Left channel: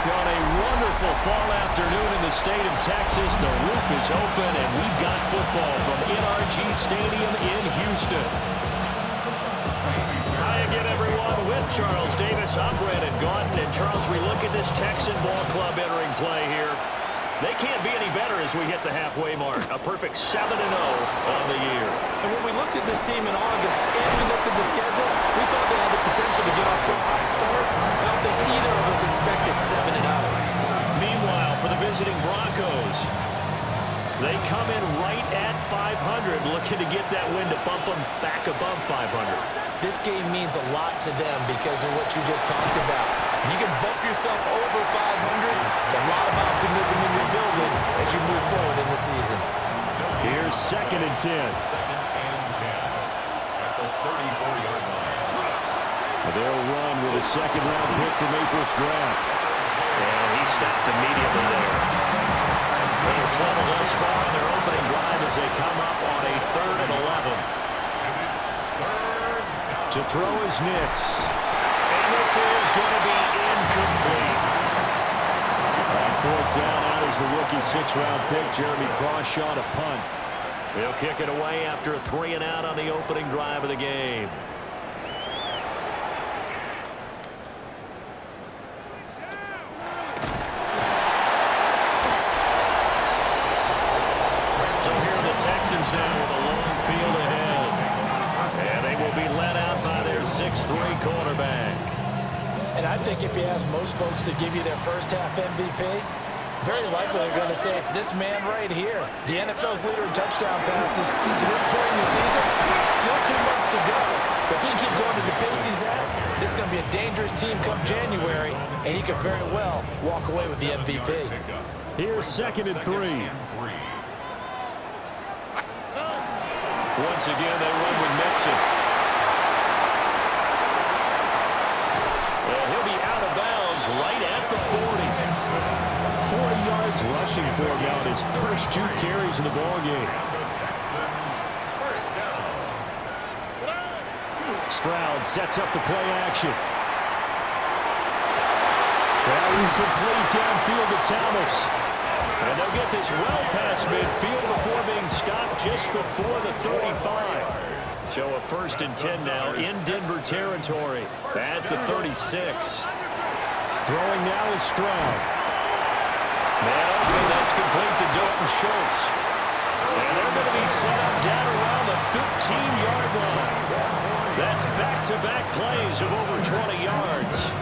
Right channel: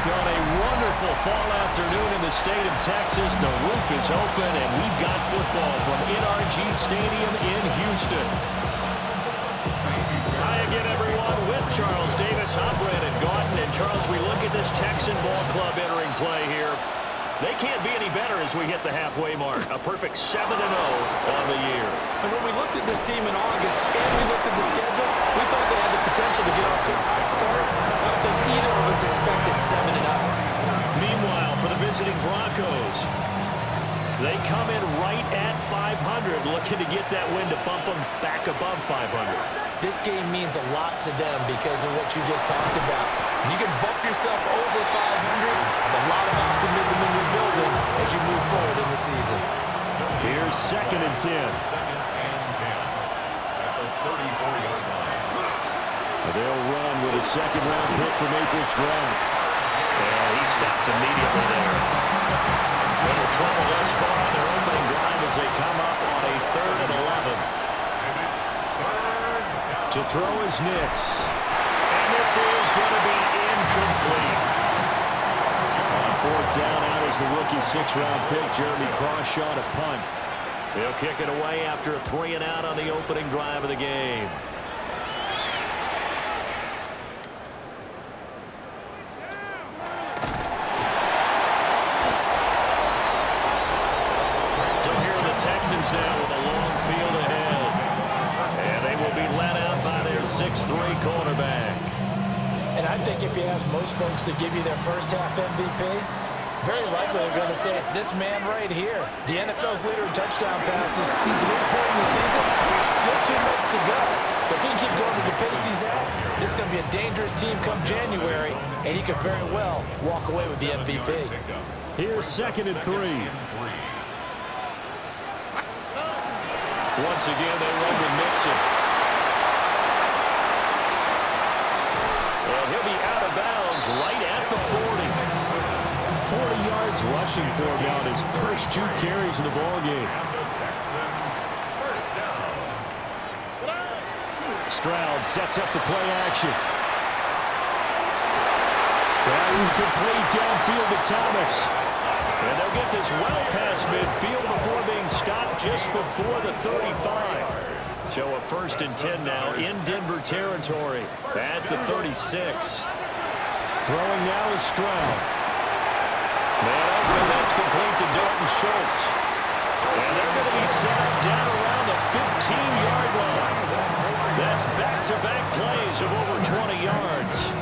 On a wonderful fall afternoon in the state of Texas, the roof is open, and we've got football from NRG Stadium in Houston. Hi again, everyone, with Charles Davis. I'm Brandon Gaudin, and Charles, we look at this Texan ball club entering play here. They can't be any better as we hit the halfway mark. A perfect 7-0 on the year. And when we looked at this team in August and we looked at the schedule, we thought they had the potential to get off to a hot start. I don't think either of us expected 7-0. Meanwhile, for the visiting Broncos, they come in right at 500, looking to get that win to bump them back above 500. This game means a lot to them because of what you just talked about. When you can bump yourself over 500, it's a lot of optimism in your building as you move forward in the season. Here's 2nd and 10. Second and 10 at the 34-yard line. They'll run with a second-round pick from April's draft. And he stopped immediately there. Little trouble thus far on their opening drive as they come up on a 3rd and 11. And it's 3rd down. To throw is Nix. And this is going to be incomplete. On 4th down, out is the rookie 6th-round pick, Jeremy Crawshaw, to punt. They'll kick it away after a 3-and-out on the opening drive of the game. So here are the Texans now with a long field ahead. And they will be led out by their 6'3" quarterback. And I think if you ask most folks to give you their first half MVP, very likely they're going to say it's this man right here. The NFL's leader in touchdown passes to this point in the season. Still 2 months to go. But if he can keep going to the pace he's at, this is going to be a dangerous team come January, and he could very well walk away with the MVP. Here's 2nd and 3. Once again, they run with MIXON. And he'll be out of bounds right at the 40. 40 yards rushing for him now in his first 2 carries in the ballgame. Stroud sets up the play action. That incomplete downfield to Thomas. And they'll get this well past midfield before being stopped just before the 35. So a 1st and 10 now in Denver territory at the 36. Throwing now is Stroud. Man open, that's complete to Dalton Schultz. And they're going to be set up down around the 15-yard line. That's back-to-back plays of over 20 yards.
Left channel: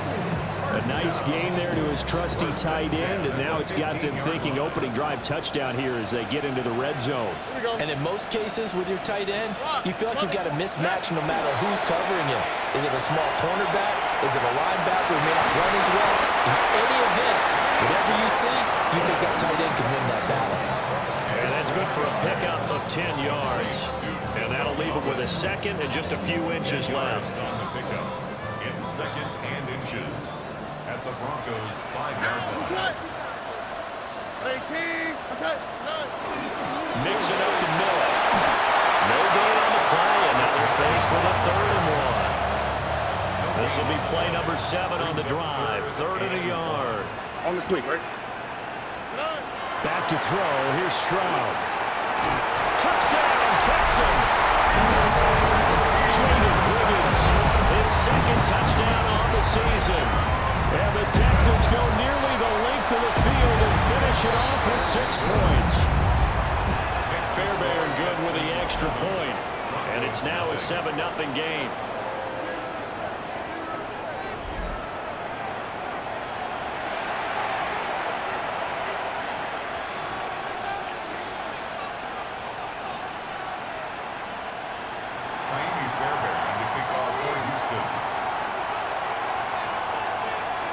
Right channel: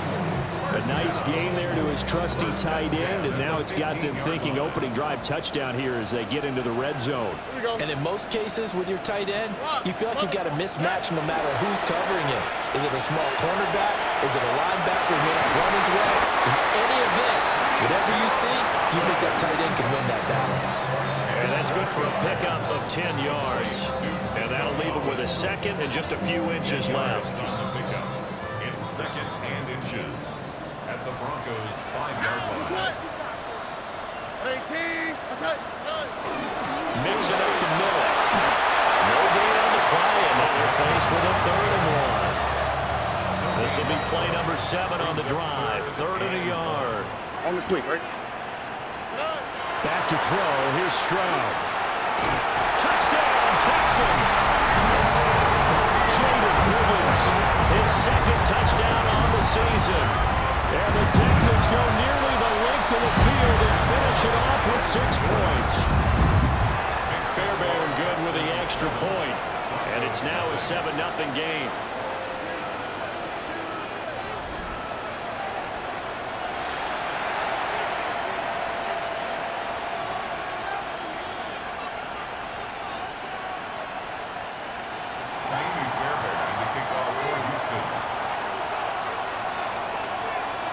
A nice game there to his trusty tight end, and now it's got them thinking opening drive touchdown here as they get into the red zone. And in most cases with your tight end, you feel like you've got a mismatch no matter who's covering him. Is it a small cornerback? Is it a linebacker who may not run as well? In any event, whatever you see, you think that tight end can win that battle. And that's good for a pickup of 10 yards. And that'll leave him with a 2nd and just a few inches left. On the pickup, it's 2nd and inches at the Broncos' 5-yard line. Mix it up the middle. No gain on the play, and now they're faced with a 3rd and 1. This will be play number 7 on the drive. 3rd and a yard. On the quick, right? Back to throw. Here's Stroud. Touchdown, Texans. Jaden Higgins, his 2nd touchdown on the season. And the Texans go nearly the length of the field and finish it off with 6 points. Fairbairn good with the extra point. And it's now a 7-0 game.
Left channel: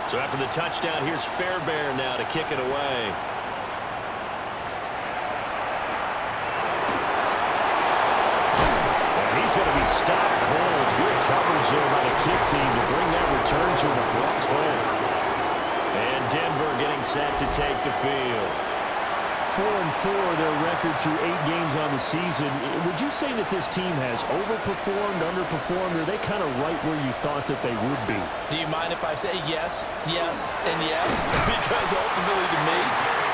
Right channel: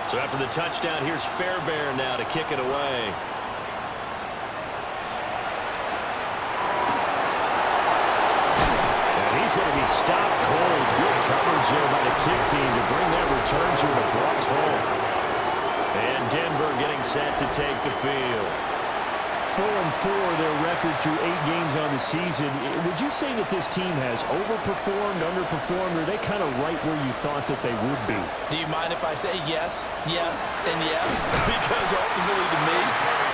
So after the touchdown, here's Fairbairn now to kick it away. And he's going to be stopped cold. Good coverage there by the kick team to bring that return to an abrupt halt. And Denver getting set to take the field. 4-4, their record through 8 games on the season. Would you say that this team has overperformed, underperformed, or are they kind of right where you thought that they would be? Do you mind if I say yes, yes, and yes? Because ultimately to me,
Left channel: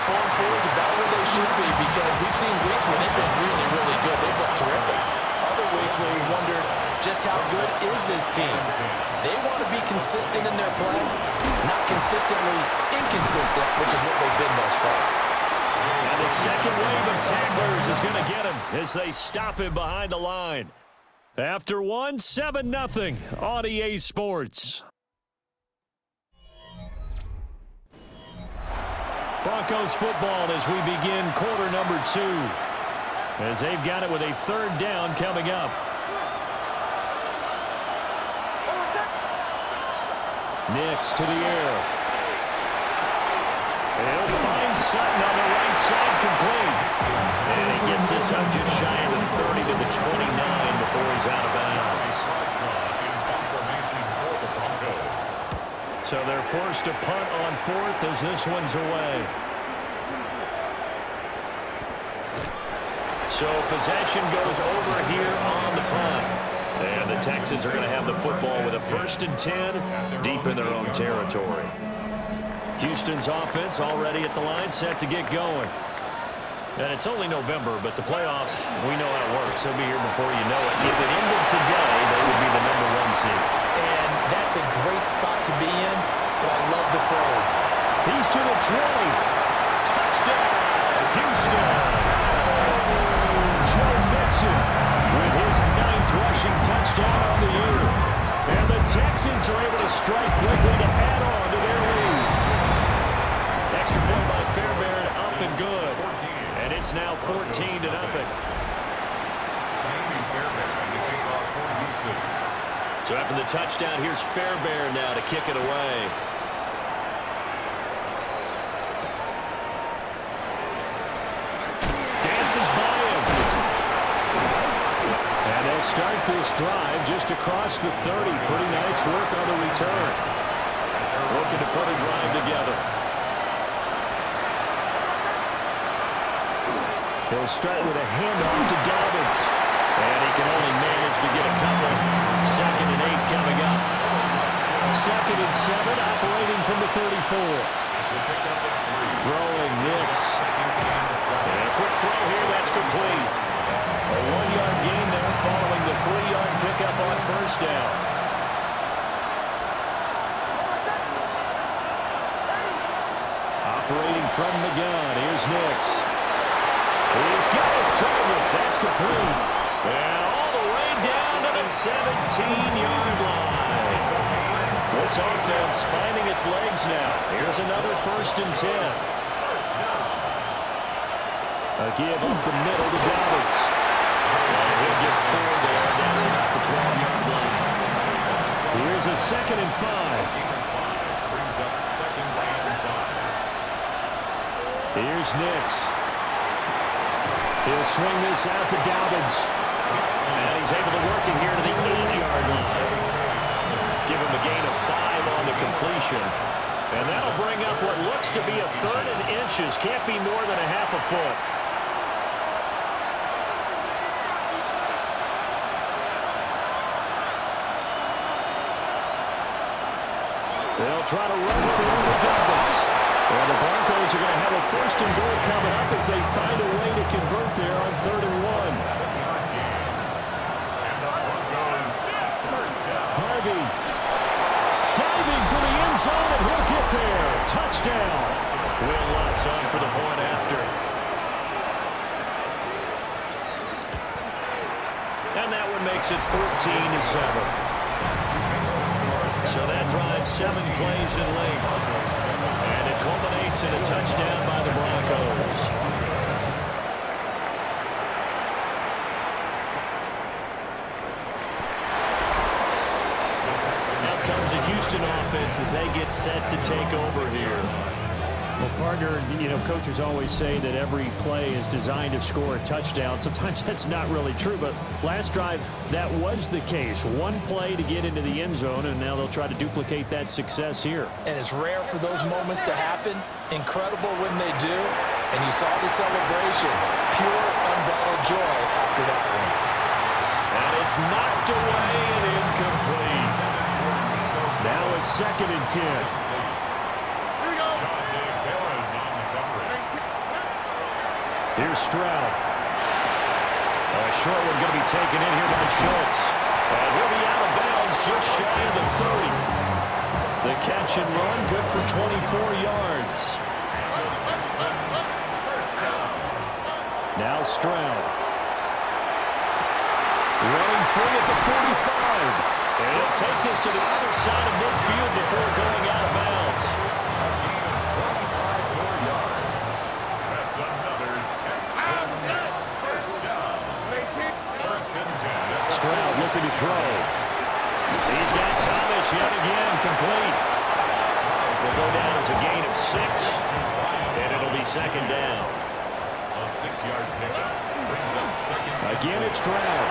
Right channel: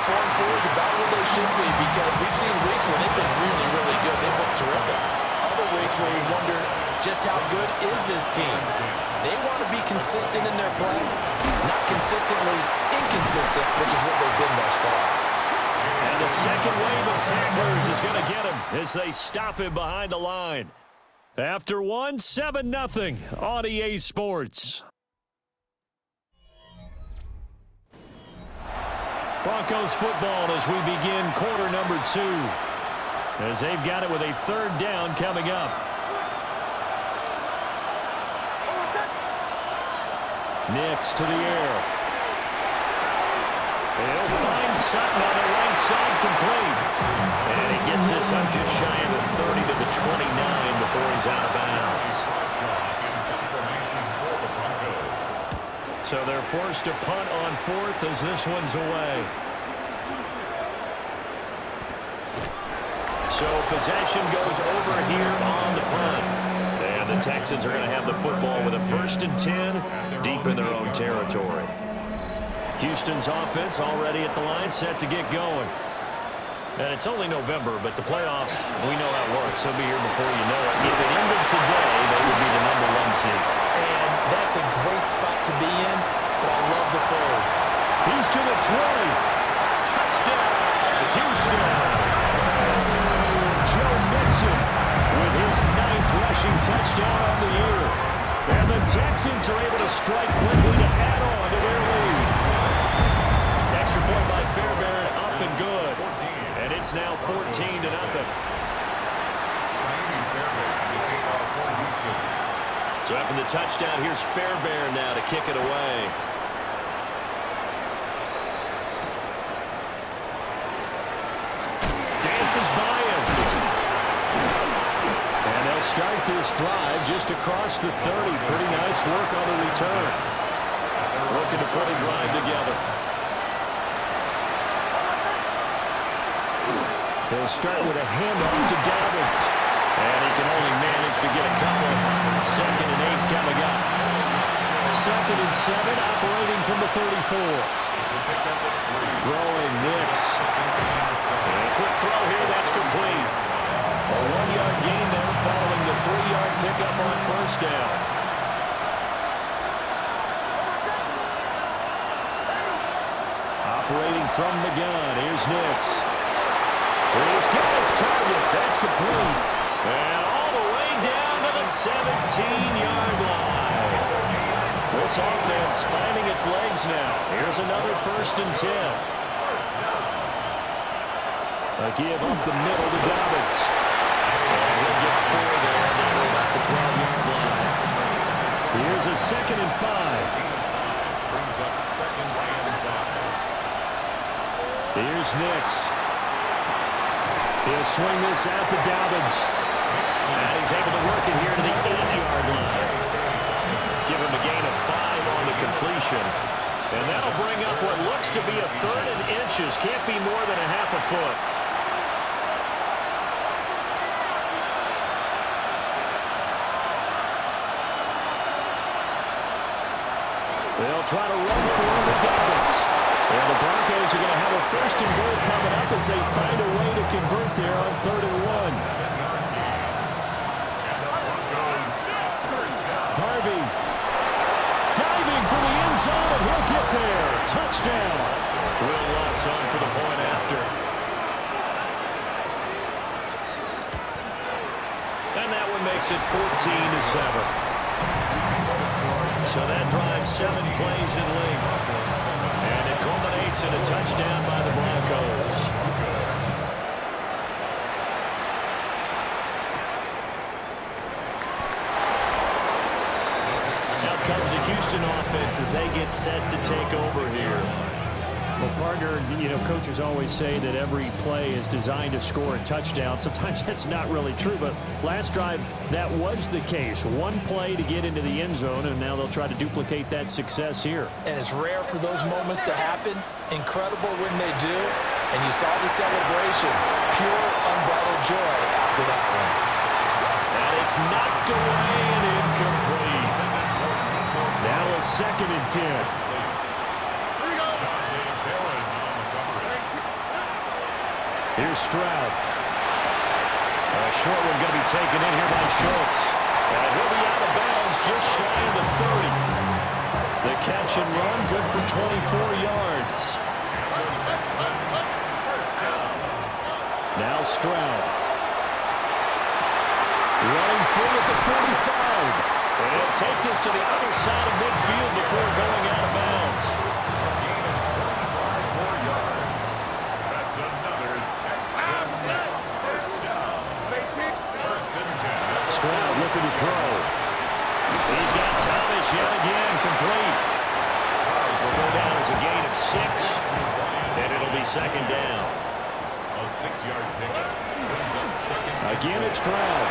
4-4 is about where they should be, because we've seen weeks where they've been really, really good. They've looked terrific. Other weeks where we wondered just how good is this team. They want to be consistent in their play, not consistently inconsistent, which is what they've been thus far. And the second wave of tacklers is going to get him as they stop him behind the line. After one, 7-0 on EA Sports. Broncos football as we begin quarter number 2. As they've got it with a 3rd down coming up. Nix to the air. He'll find Sutton on the right side, complete. And he gets this up just shy of the 30 to the 29 before he's out of bounds. So they're forced to punt on 4th as this one's away. So possession goes over here on the punt. And the Texans are going to have the football with a 1st and 10 deep in their own territory. Houston's offense already at the line, set to get going. And it's only November, but the playoffs, we know how it works. They'll be here before you know it. If it ended today, they would be the #1 seed. And that's a great spot to be in, but I love the phrase. He's to the 20. Touchdown, Houston. Joe Mixon with his 9th rushing touchdown on the year. And the Texans are able to strike quickly to add on to their lead. Extra point by Fairbairn, up and good. And it's now 14-0. So after the touchdown, here's Fairbairn now to kick it away. Dances by him. And they'll start this drive just across the 30. Pretty nice work on the return. Looking to put a drive together. He'll start with a handoff to Dobbins. And he can only manage to get a couple. 2nd and 8 coming up. 2nd and 7 operating from the 34. Throwing Nix. And a quick throw here, that's complete. A 1-yard gain there following the 3-yard pickup on 1st down. Operating from the gun, here's Nix. He's got his target. That's complete. And all the way down to the 17-yard line. This offense finding its legs now. Here's another 1st and 10. A give up the middle to Dobbins. And he'll get 4 there down to about the 12-yard line. Here's a 2nd and 5. Brings up 2nd and 5. Here's Nix. He'll swing this out to Dobbins. And he's able to work it here to the 8-yard line. Give him a gain of 5 on the completion. And that'll bring up what looks to be a 3rd and inches. Can't be more than a half a foot. They'll try to run for him with Dobbins. And the Broncos are going to have a 1st and goal coming up as they find a way to convert there on 3rd and 1. Harvey diving for the end zone, and he'll get there. Touchdown. Will Lutz on for the point after. And that one makes it 14-7. So that drives 7 plays in length. And it culminates in a touchdown by the Broncos. Now comes the Houston offense as they get set to take over here. Well, partner, you know, coaches always say that every play is designed to score a touchdown. Sometimes that's not really true, but last drive, that was the case. One play to get into the end zone, and now they'll try to duplicate that success here. And it's rare for those moments to happen. Incredible when they do. and you saw the celebration. Pure, unbridled joy after that one. And it's knocked away and incomplete. Now a 2nd and 10. Here's Stroud. A short one going to be taken in here by Schultz. And he'll be out of bounds just shy of the 30. The catch and run good for 24 yards. Now Stroud. Running free at the 45. And he'll take this to the other side of midfield before going out of bounds. A gain of 25 more yards. That's another Texans first down. 1st and 10. Stroud looking to throw. He's got Thomas yet again complete. Will go down as a gain of 6. And it'll be 2nd down. A 6-yard pickup brings up 2nd. Again, it's Stroud.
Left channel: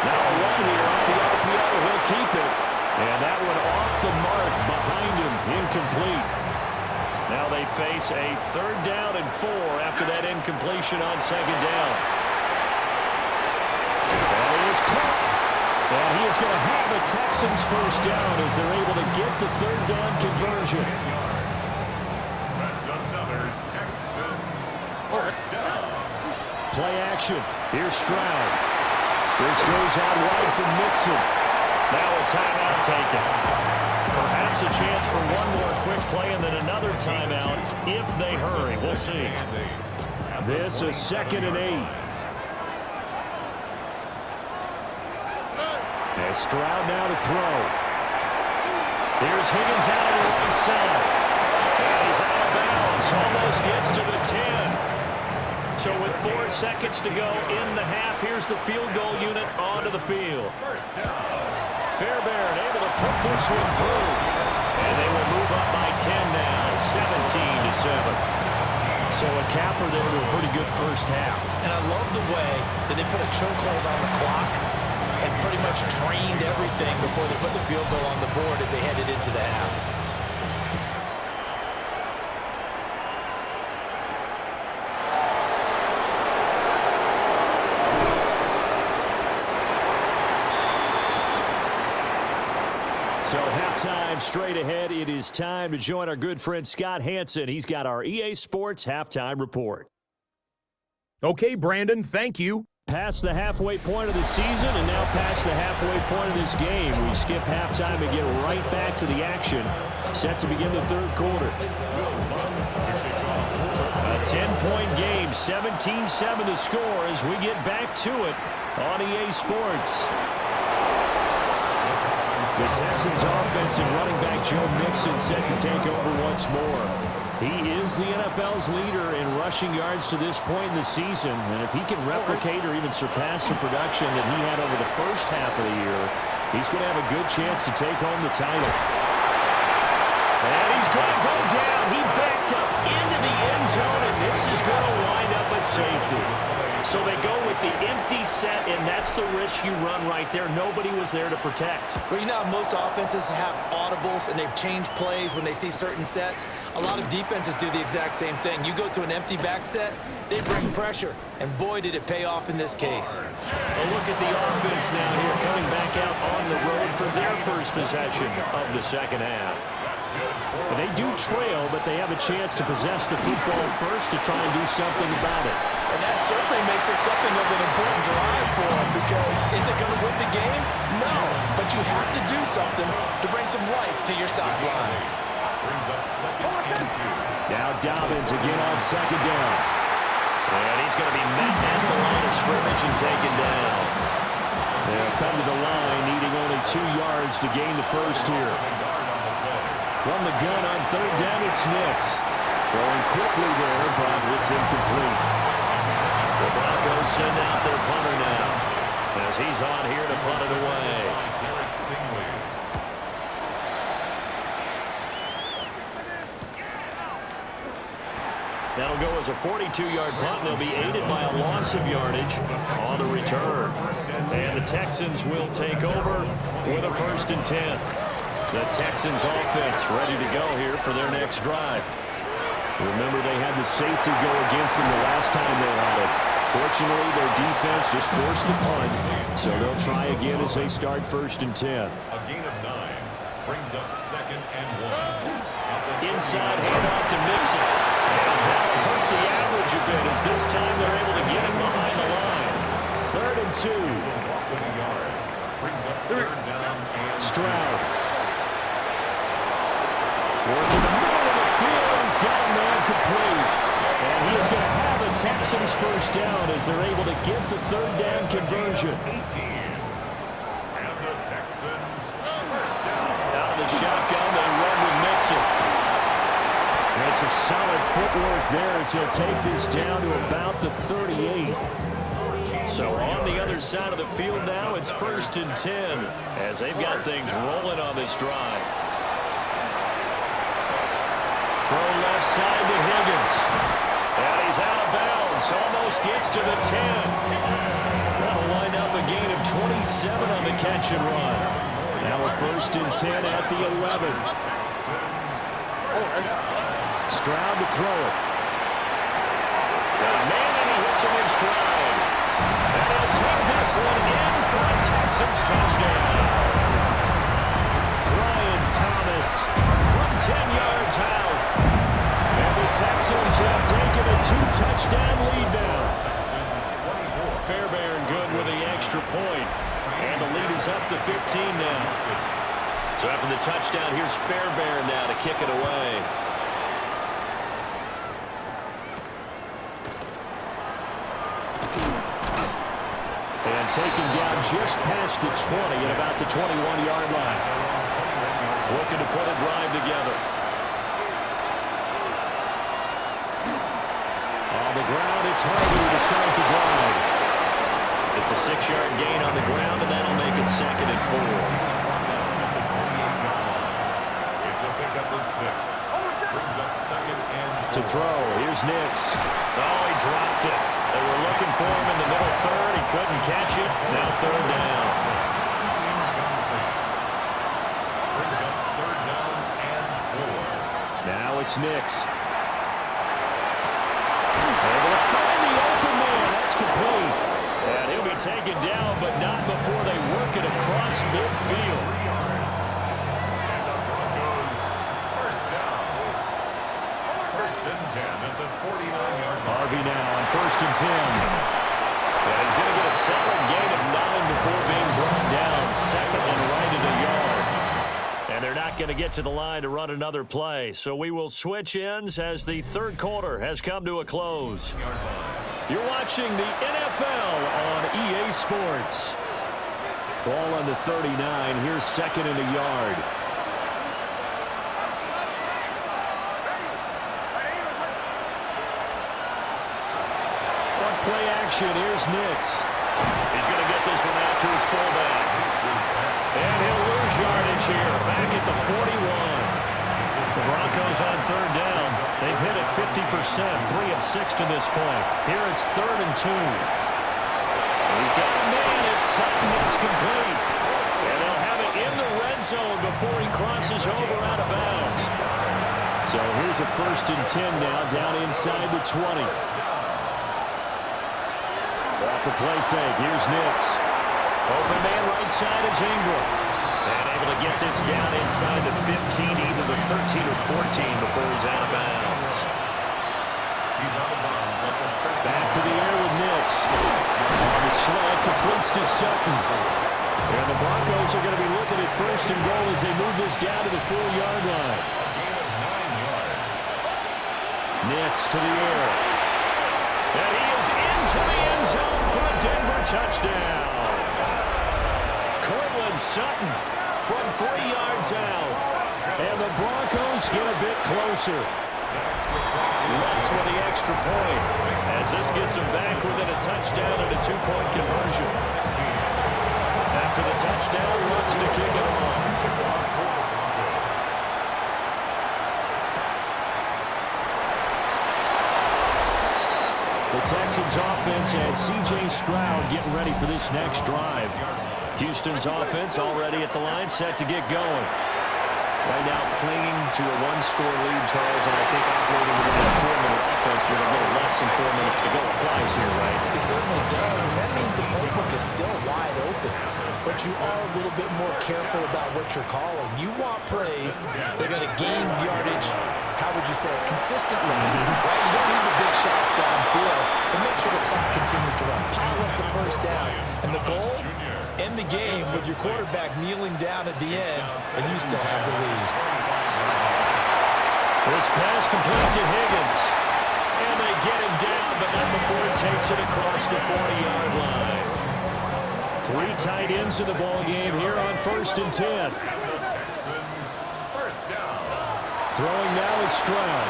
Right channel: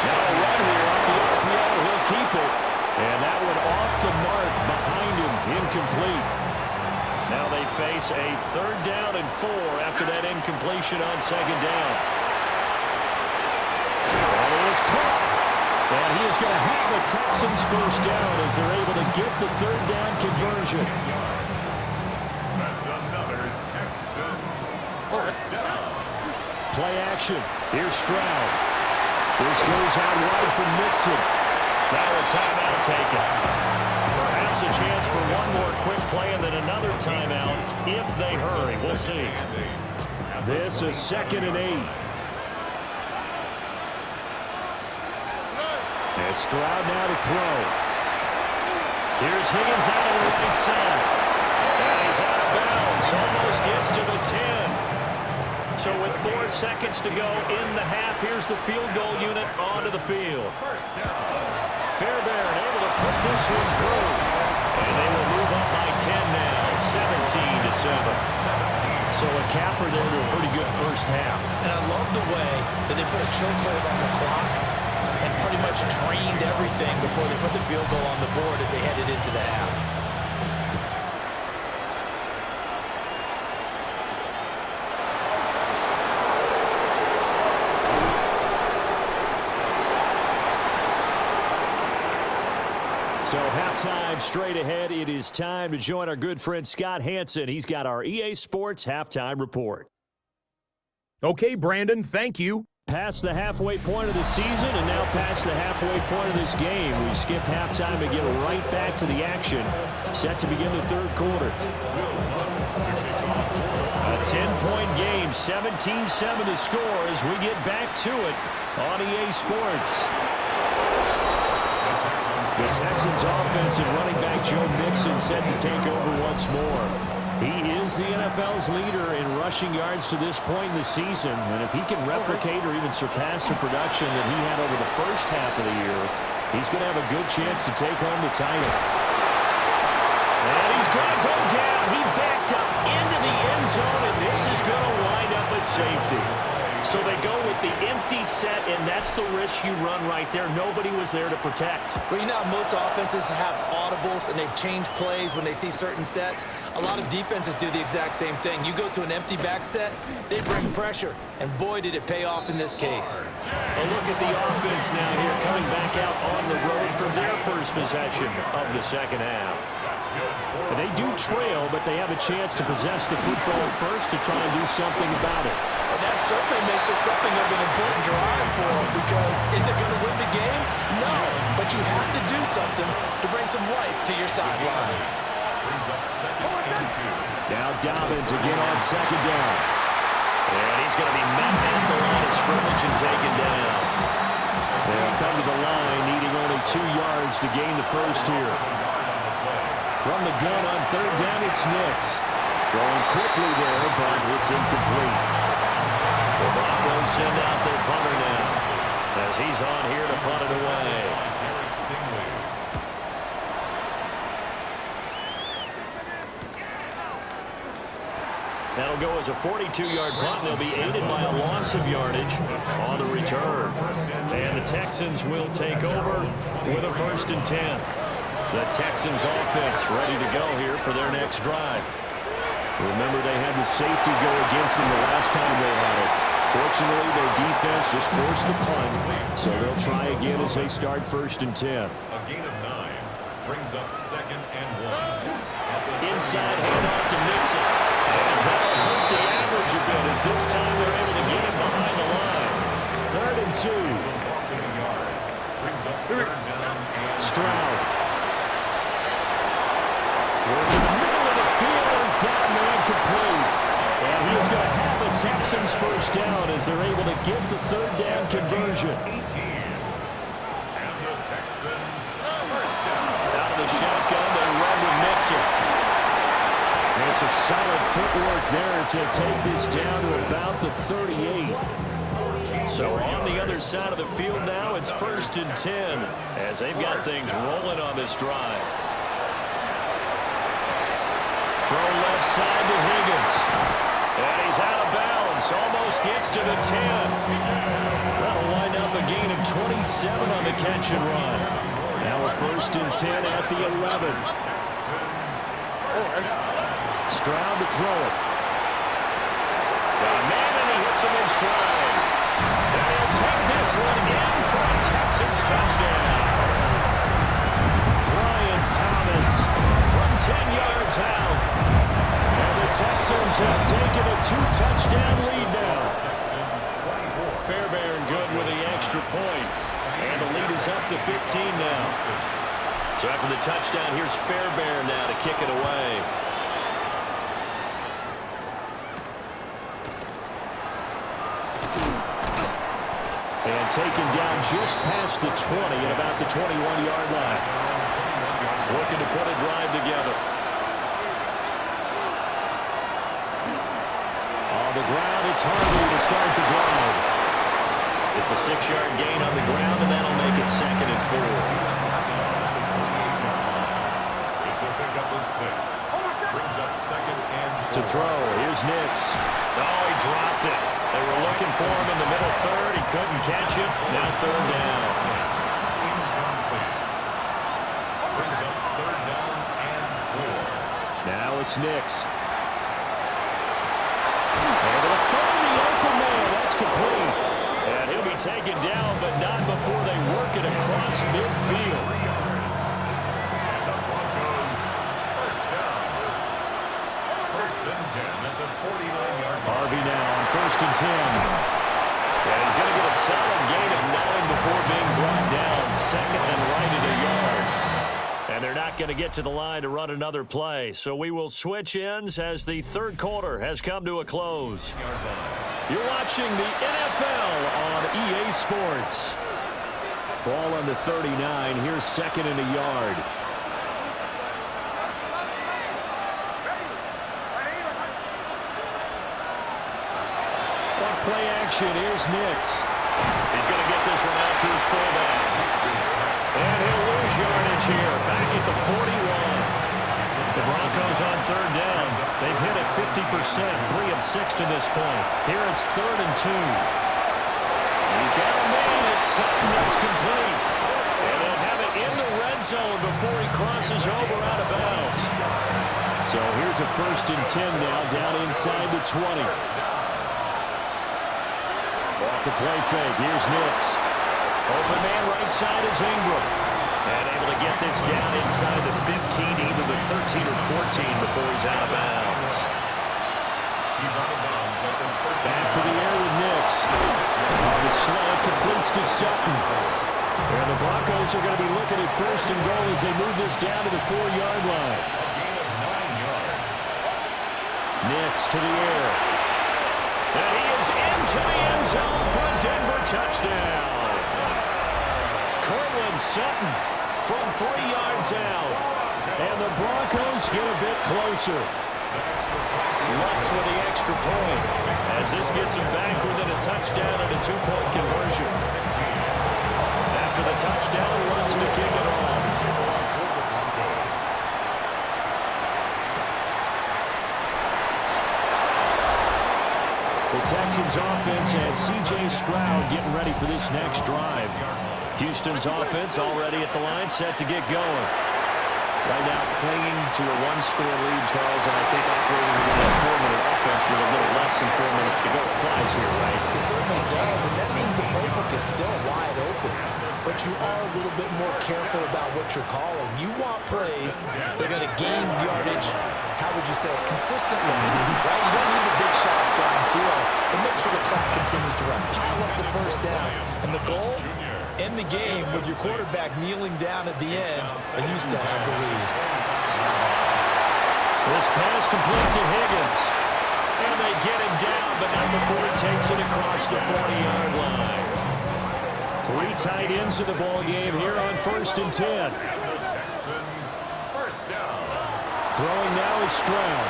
Now a run here off the RPO. He'll keep it. And that one off the mark behind him. Incomplete. Now they face a 3rd down and 4 after that incompletion on 2nd down. That is caught. And he is going to have a Texans first down as they're able to get the 3rd down conversion. 10 yards. That's another Texans first down. Play action. Here's Stroud. This goes out wide from MIXON. Now a timeout taken. Perhaps a chance for one more quick play and then another timeout if they hurry. We'll see. This is 2nd and 8. And Stroud now to throw. Here's Higgins out of the right side. And he's out of bounds. Almost gets to the 10. So with 4 seconds to go in the half, here's the field goal unit onto the field. Fairbairn able to put this one through. And they will move up by 10 now, 17-7. So a capper there to a pretty good first half. And I love the way that they put a chokehold on the clock and pretty much trained everything before they put the field goal on the board as they headed into the half. So halftime straight ahead. It is time to join our good friend Scott Hanson. He's got our EA Sports halftime report. Okay, Brandon, thank you. Past the halfway point of the season and now past the halfway point of this game. We skip halftime and get right back to the action. Set to begin the 3rd quarter. A 10-point game, 17-7 to score as we get back to it on EA Sports. The Texans offense and running back Joe Mixon set to take over once more. He is the NFL's leader in rushing yards to this point in the season, and if he can replicate or even surpass the production that he had over the first half of the year, he's going to have a good chance to take home the title. And he's going to go down. He backed up into the end zone, and this is going to wind up a safety. So they go with the empty set, and that's the risk you run right there. Nobody was there to protect. Well, you know how most offenses have audibles and they've changed plays when they see certain sets? A lot of defenses do the exact same thing. You go to an empty back set, they bring pressure. And boy, did it pay off in this case. A look at the offense now here, coming back out on the road for their first possession of the second half. And they do trail, but they have a chance to possess the football first to try and do something about it. And that certainly makes it something of an important drive for them, because is it going to win the game? No, but you have to do something to bring some life to your sideline. Brings up 2nd and 2. Now Dobbins again on 2nd down. And he's going to be met at the line of scrimmage and taken down. They'll come to the line, needing only 2 yards to gain the first here. From the gun on 3rd down, it's Nix. Throwing quickly there, but it's incomplete. The Broncos send out their punter now, as he's on here to punt it away. That'll go as a 42-yard punt, and they'll be aided by a loss of yardage on the return. And the Texans will take over with a 1st and 10. The Texans offense ready to go here for their next drive. Remember, they had the safety go against them the last time they had it. Fortunately, their defense just forced the punt, so they'll try again as they start 1st and 10. A gain of 9 brings up 2nd and 1. Inside handoff to MIXON. And that'll hurt the average a bit as this time they're able to get him behind the line. 3rd and 2. Loss of a yard. Brings up 3rd down and Stroud. Working the middle of the field, and he's got a man complete. And he is going to have a Texans 1st down as they're able to get the 3rd down conversion. 18. And the Texans 1st down. Out of the shotgun, they run with MIXON. And some solid footwork there as he'll take this down to about the 38. So on the other side of the field now, it's 1st and 10 as they've got things rolling on this drive. Throw left side to Higgins. And he's out of bounds. Almost gets to the 10. That'll wind up a gain of 27 on the catch and run. Now a 1st and 10 at the 11. Stroud to throw it. Got a man, and he hits him in stride. And he'll take this one in for a Texans touchdown. Brian Thomas from 10 yards out. And the Texans have taken a 2-touchdown lead now. Fairbairn good with the extra point. And the lead is up to 15 now. So after the touchdown, here's Fairbairn now to kick it away. And taken down just past the 20 at about the 21-yard line. Looking to put a drive together. On the ground, it's Harvey to start the drive. It's a 6-yard gain on the ground, and that'll make it 2nd and 4. It's a pickup of 6. Brings up 2nd and 4. To throw, here's Nix. Oh, he dropped it. They were looking for him in the middle 3rd. He couldn't catch it. Now 3rd down. Brings up 3rd down and 4. Now it's Nix. Able to find the open man. That's complete. And he'll be taken down, but not before they work it across midfield. 3 yards. And the Broncos 1st down. 1st and 10 at the 49-yard line. Harvey now on 1st and 10. And he's going to get a solid gain of 9 before being brought down. 2nd and right at a yard. And they're not going to get to the line to run another play. So we will switch ends as the 3rd quarter has come to a close. You're watching the NFL on EA Sports. Ball on the 39. Here's 2nd and a yard. On play action, here's Nix. He's going to get this one out to his fullback. And he'll lose yardage here, back at the 41. The Broncos on 3rd down. They've hit it 50%, 3 of 6 to this point. Here it's 3rd and 2. He's got a man. It's Sutton. That's complete. And they'll have it in the red zone before he crosses over out of bounds. So here's a 1st and 10 now, down inside the 20. Off the play fake, here's Nix. Open man right side is Ingram. And able to get this down inside the 15, either the 13 or 14 before he's out of bounds. He's out of bounds at the 13. Back to the air with Nix. On the slant, completes to Sutton. And the Broncos are going to be looking at 1st and goal as they move this down to the 4-yard line. A gain of 9 yards. Nix to the air. And he is into the end zone for a Denver touchdown. Cortland Sutton from 3 yards out. And the Broncos get a bit closer. Lutz with the extra point as this gets them back within a touchdown and a 2-point conversion. After the touchdown, Lutz to kick it off. The Texans offense and C.J. Stroud getting ready for this next drive. Houston's offense already at the line, set to get going. Right now clinging to a one-score lead, Charles, and I think operating within a 4-minute offense with a little less than 4 minutes to go applies here, right? It certainly does, and that means the playbook is still wide open. But you are a little bit more careful about what you're calling. You want plays that are going to gain yardage, how would you say it, consistently, right? You don't need the big shots downfield, but make sure the clock continues to run. Pile up the first downs. And the goal, end the game with your quarterback kneeling down at the end, and you still have the lead. This pass complete to Higgins. And they get him down, but not before he takes it across the 40-yard line. 3 tight ends in the ball game here on 1st and 10. And the Texans, first down. Throwing now is Stroud.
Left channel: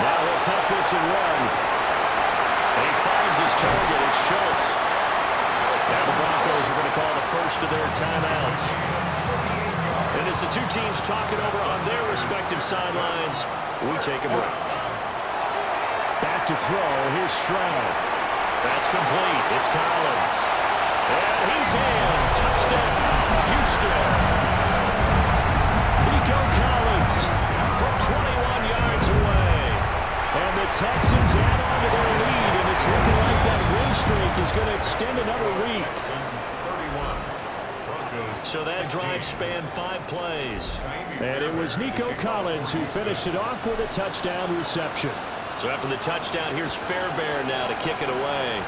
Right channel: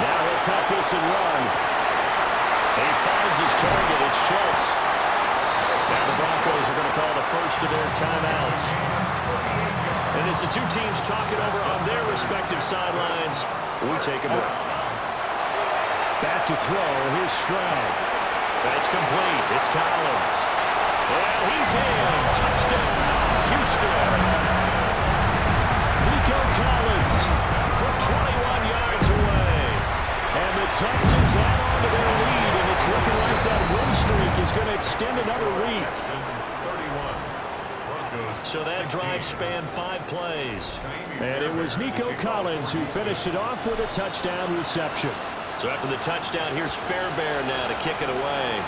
Now he'll tuck this and run. He finds his target. It's Schultz. Now the Broncos are going to call the first of their timeouts. And as the two teams talk it over on their respective sidelines, we take a break. Back to throw. Here's Stroud. That's complete. It's Collins. And he's in. Touchdown, Houston. Nico Collins from 21 yards away. And the Texans add on to their lead, and it's looking like that win streak is going to extend another week. Texans 31. Broncos So that drive spanned 5 plays. And it was Nico Collins who finished it off with a touchdown reception. So after the touchdown, here's Fairbairn now to kick it away.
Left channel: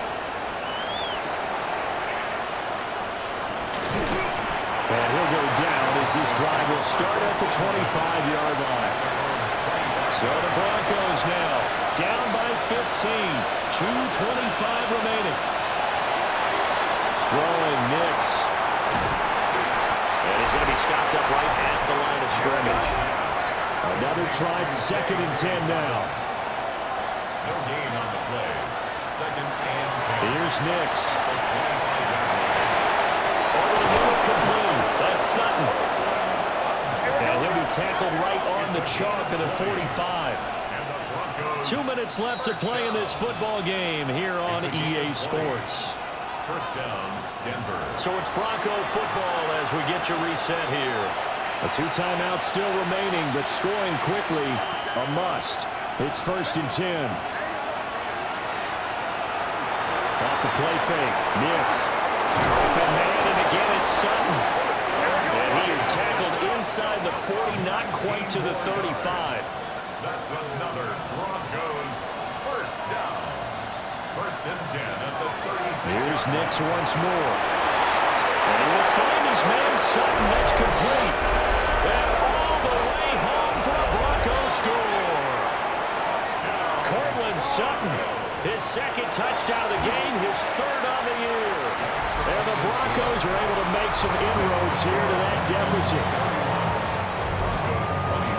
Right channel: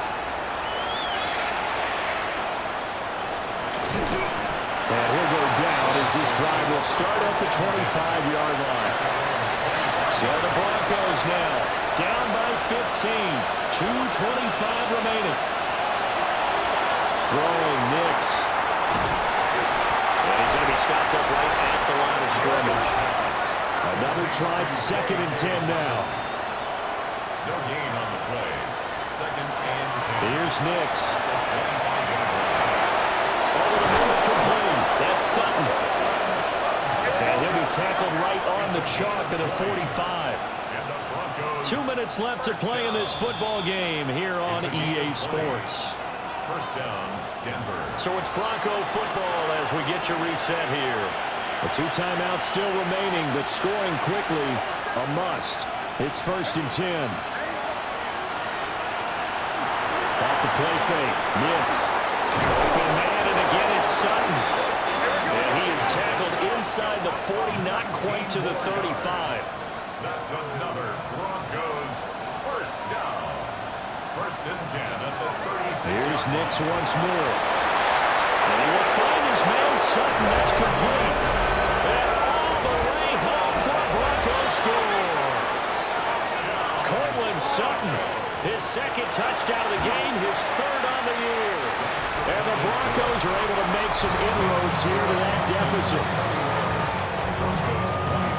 And he'll go down as this drive will start at the 25-yard line. So the Broncos now down by 15. 2:25 remaining. Throwing Nix. And he's going to be stopped up right at the line of scrimmage. Another try, 2nd and 10 now. No gain on the play. 2nd and 10. Here's Nix. At the 25-yard line. Over the middle, complete. That's Sutton. And he'll be tackled right on the chalk of the 45. And the Broncos. 2 minutes left to play in this football game here on EA Sports. First down, Denver. So it's Bronco football as we get you reset here. The 2 timeouts still remaining, but scoring quickly, a must. It's 1st and 10. Off the play fake, Nix. Open man, and again it's Sutton. And he is tackled inside the 40, not quite to the 35. That's another Broncos first down. 1st and 10 at the 36. Here's Nix once more. And he will find his man Sutton. That's complete. And all the way home for a Broncos score. Touchdown. Cortland Sutton, his 2nd touchdown of the game, his 3rd on the year. And the Broncos are able to make some inroads here to that deficit.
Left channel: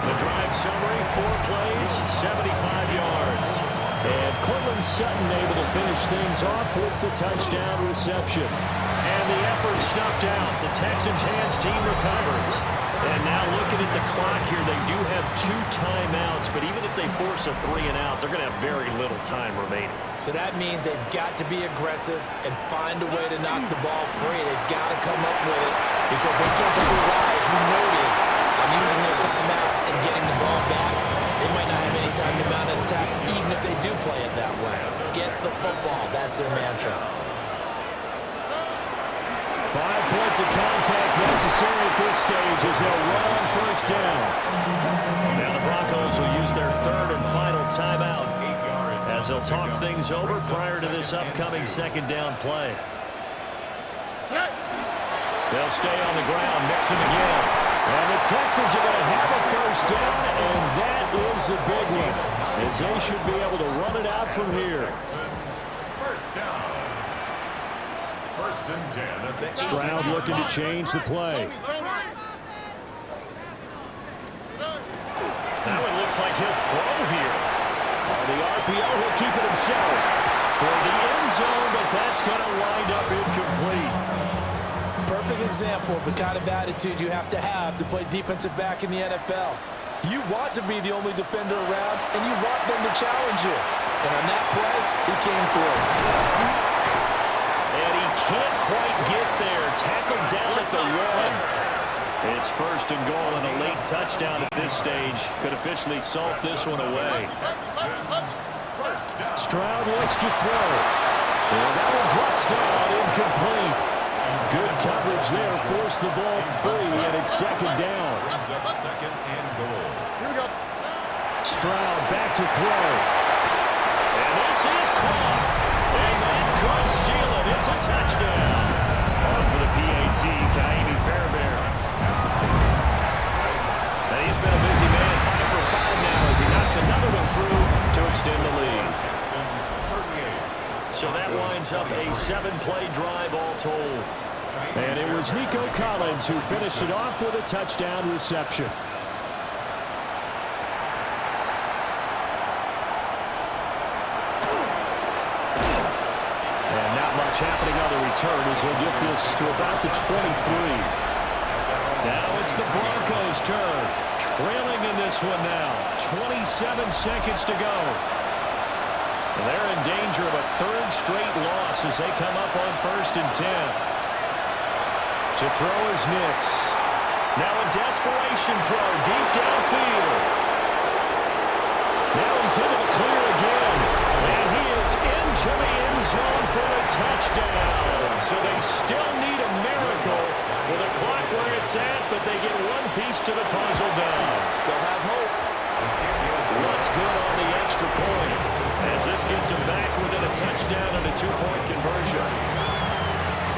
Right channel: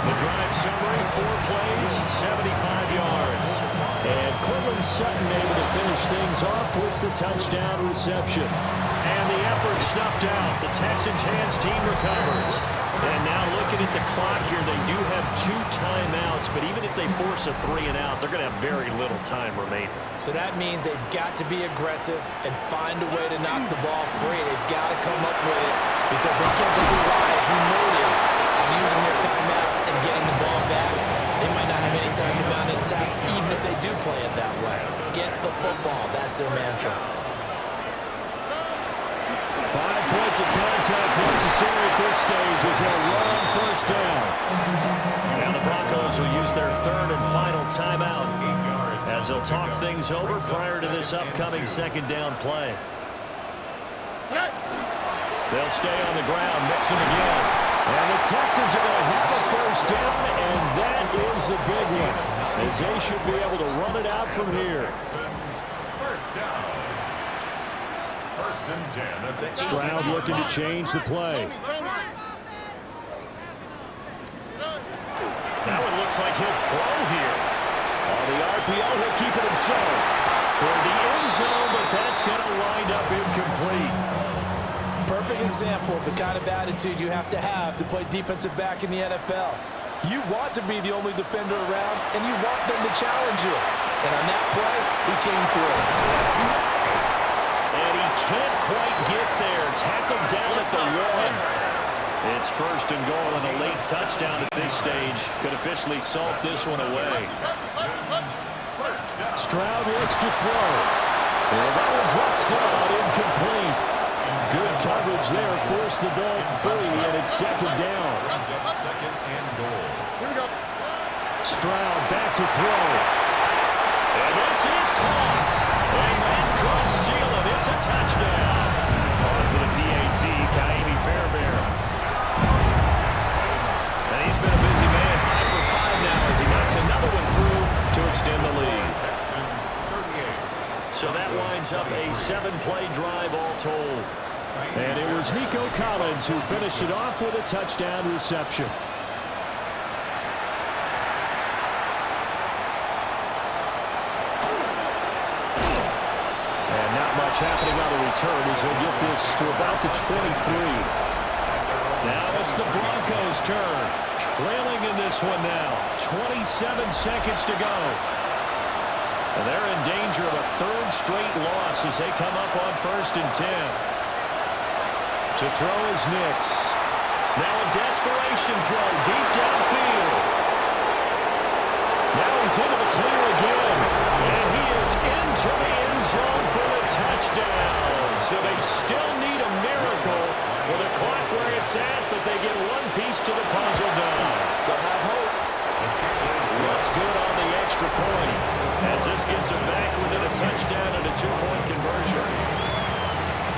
The drive summary, 4 plays, 75 yards. And Cortland Sutton able to finish things off with the touchdown reception. And the effort snuffed out. The Texans' hands team recovers. And now looking at the clock here, they do have 2 timeouts, but even if they force a 3 and out, they're going to have very little time remaining. So that means they've got to be aggressive and find a way to knock the ball free. They've got to come up with it because they can't just rely, as you noted, on using their timeouts and getting the ball back. They might not have any time to mount an attack, even if they do play it that way. Get the football. That's their mantra. 5 points of contact necessary at this stage as they'll run on 1st down. Now the Broncos will use their 3rd and final timeout as they'll talk things over prior to this upcoming 2nd down play. They'll stay on the ground, MIXON again. And the Texans are going to have a 1st down, and that is the big one, as they should be able to run it out from here. First down. 1st and 10 at the Stroud looking to change the play. Now it looks like he'll throw here. On the RPO, he'll keep it himself. Toward the end zone, but that's going to wind up incomplete. Perfect example of the kind of attitude you have to play defensive back in the NFL. You want to be the only defender around, and you want them to challenge you. And on that play, he came through. And he can't quite get there. Tackled down at the 1. It's first and goal, and a late touchdown at this stage could officially salt this one away. Stroud looks to throw. And that one drops down, incomplete. Good coverage there, forced the ball free, and it's second down. Second and goal. Here we go. Stroud back to throw. And this is caught. And that could seal it. It's a touchdown. On for the PAT, Kaimi Fairbairn. And he's been a busy man, 5 for 5 now as he knocks another one through to extend the lead. Texans 38. So that winds up a 7-play drive all told. And it was Nico Collins who finished it off with a touchdown reception. And not much happening on the return as he'll get this to about the 23. Now it's the Broncos' turn. Trailing in this one now. 27 seconds to go. And they're in danger of a third straight loss as they come up on 1st and 10. To throw is Nix. Now a desperation throw deep downfield. Now he's into the clear again. And he is into the end zone for the touchdown. So they still need a miracle with the clock where it's at, but they get one piece to the puzzle done. Still have hope. What's good on the extra point as this gets them back within a touchdown and a 2-point conversion.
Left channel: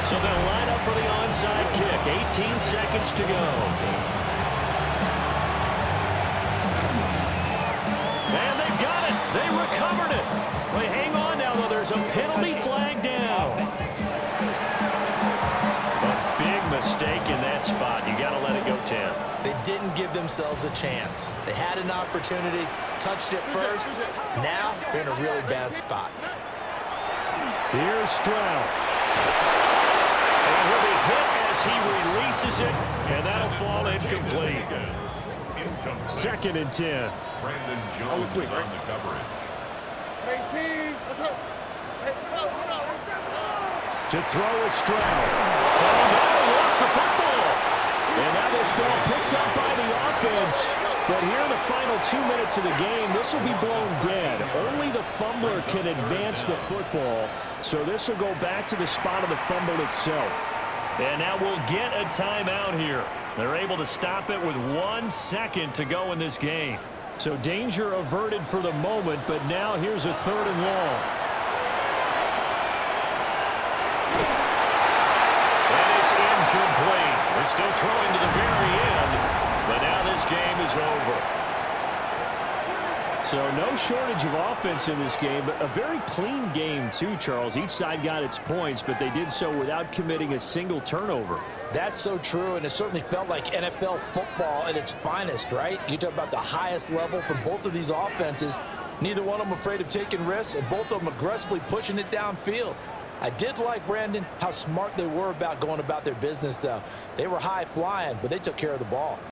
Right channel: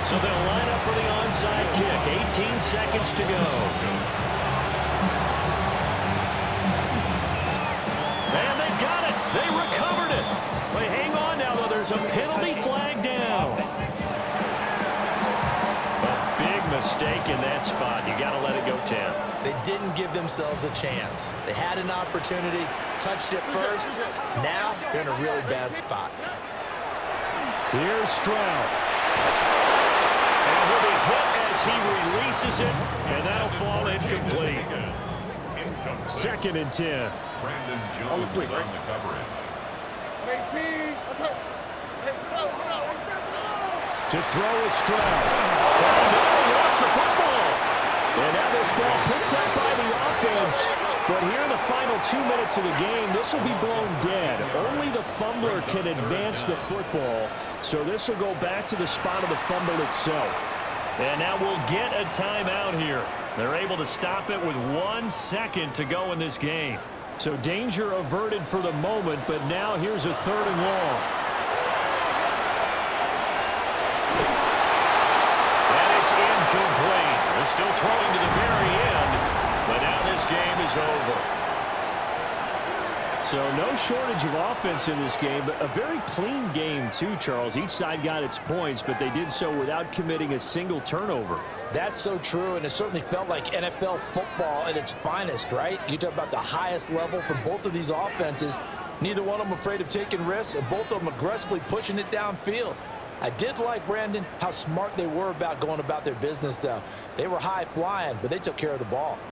So they'll line up for the onside kick. 18 seconds to go. And they've got it. They recovered it. Wait, hang on now, though. There's a penalty flag down. A big mistake in that spot. You got to let it go 10. They didn't give themselves a chance. They had an opportunity, touched it first. Now they're in a really bad spot. Here's Stroud. And he'll be hit as he releases it, and that'll fall incomplete. 2nd and 10. Brandon Jones on the coverage. 18. Let's go. To throw is Stroud. Oh, no, he lost the football. And now this ball picked up by the offense. But here in the final 2 minutes of the game, this will be blown dead. Only the fumbler can advance the football. So this will go back to the spot of the fumble itself. And now we'll get a timeout here. They're able to stop it with 1 second to go in this game. So danger averted for the moment, but now here's a 3rd and long. And it's incomplete. They're still throwing to the very end, but now this game is over. So no shortage of offense in this game, but a very clean game too, Charles. Each side got its points, but they did so without committing a single turnover. That's so true, and it certainly felt like NFL football at its finest, right? You talk about the highest level from both of these offenses. Neither one of them afraid of taking risks, and both of them aggressively pushing it downfield. I did like, Brandon, how smart they were about going about their business, though. They were high-flying, but they took care of the ball.